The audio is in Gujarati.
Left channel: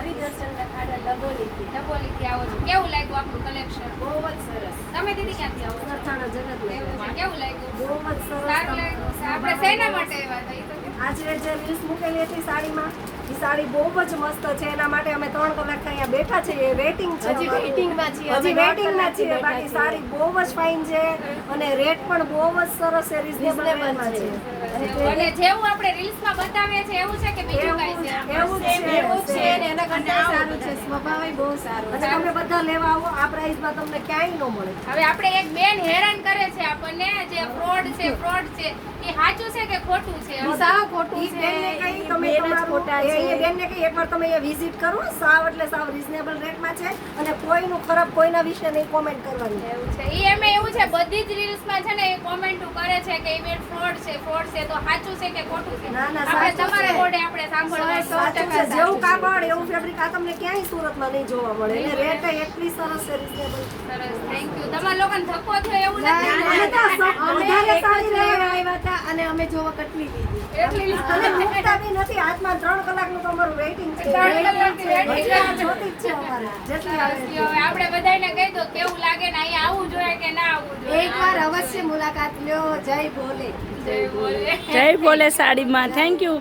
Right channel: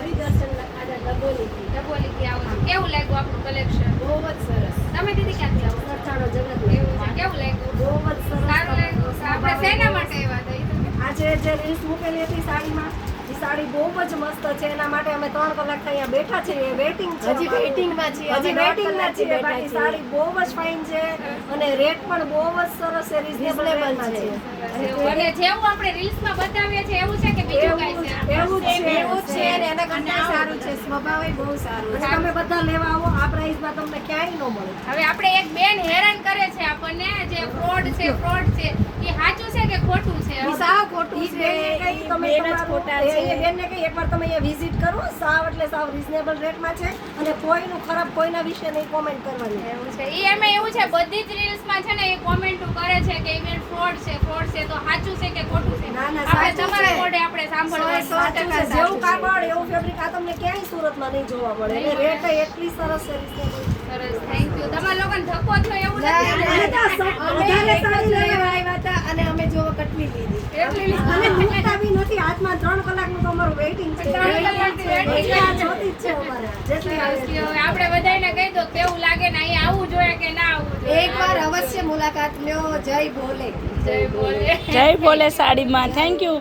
હરિદર્શન ડબોલીથી આવો છો. કેવું લાગ્યું આપણું કલેક્શન? બહુ જ સરસ. તમે દીદી ક્યાંથી આવો છો? સરથાણા જગત એવું છે. કેવું લાગ્યું? બહુ જ સરસ. સારું લાગ્યું. આપણે શેના માટે આવ્યા હતા એ તો કહો. આજે જે રીલ્સ મૂકેલી હતી સાડીમાં, એ સાડી બહુ જ મસ્ત છે. એના માટે અમે 3 કલાક અહીંયા બેઠા છીએ. વેટિંગ છે. હજી વેઇટિંગમાં છીએ. હજી વેટિંગમાં છીએ. બેઠા બાકી છીએ. સાડી બહુ જ ફાઇન છે અને રેટ પણ બહુ જ સરસ છે. રિઝનેબલ રેટમાં છે. અને જેવું આપણે રીલ્સમાં બતાવીએ છીએ એવું છે કે બીજું કાંઈ છે? એવું જ છે. એવું જ છે અને એના કરતાં સારું છે. સ્વભાવ બહુ સારો અને છે. તમે બધા લેવા આવો. આ પ્રાઇસમાં તમને ક્યાંય ન મળે. હવે આપણે એક બેન હેરાન કરે છે આપણને, જે ફ્રોડ છે એ સાચું છે કે ખોટું છે? સાવ ખોટું ઈ છે. બેનને કહી તમે બેન જ તમારું- ખોટા એ છે. બેનને કહી એકવાર તમે અહીંયા વિઝિટ કરો. સાવ એટલે સાવ રિઝનેબલ રેટમાં છે અને કોઈનું ખરાબ કોઈના વિશે નહીં કોમેન્ટ કરવાની. એવું છે. ઈ એમાં એવું છે, બધી જ રીલ્સમાં છે ને એ કોમેન્ટો કરે છે કે ઈ બેન ફ્રોડ છે તો સાચું છે કે ખોટું છે? ના, ના, આપણે સાચું તમારા છે. મોઢે આપણે સાંભળવાનું. સાચું છે. જેવું કાપડ એવું ફેબ્રિક આ તમને ક્યાંય સુરતમાં નહીં જોવા મળે. અને રેટ એટલી સરસ છે રિઝનેબલ. સરસ, થેન્ક યુ. તમારા લોકોને ધક્કો થયો એવું ના, નથી? ના, અને ના. ત્યાં અમે વધારે એક જ સાડી લેવા લેવા આવ્યા હતા અને અમે જોવા કેટલી લીધી. એટલી અને મૂકતા બી નથી. હાથમાં 3 કલાકનું તમારું વેઇટિંગ છે. 3 કલાકની waiting હજી આ જોતી જ છે અમારે. જેટલી આવે સરસ. છે. હવે આપણે બધાયને કહી દો કેવું લાગે ને અહીંયા આવવું જોઈએ કે ના આવવું જોઈએ? એકવાર અવશ્ય મુલાકાત લ્યો. જય ભોલે. જય બોલે. જય ભોલે સાડીમાં. Thank you.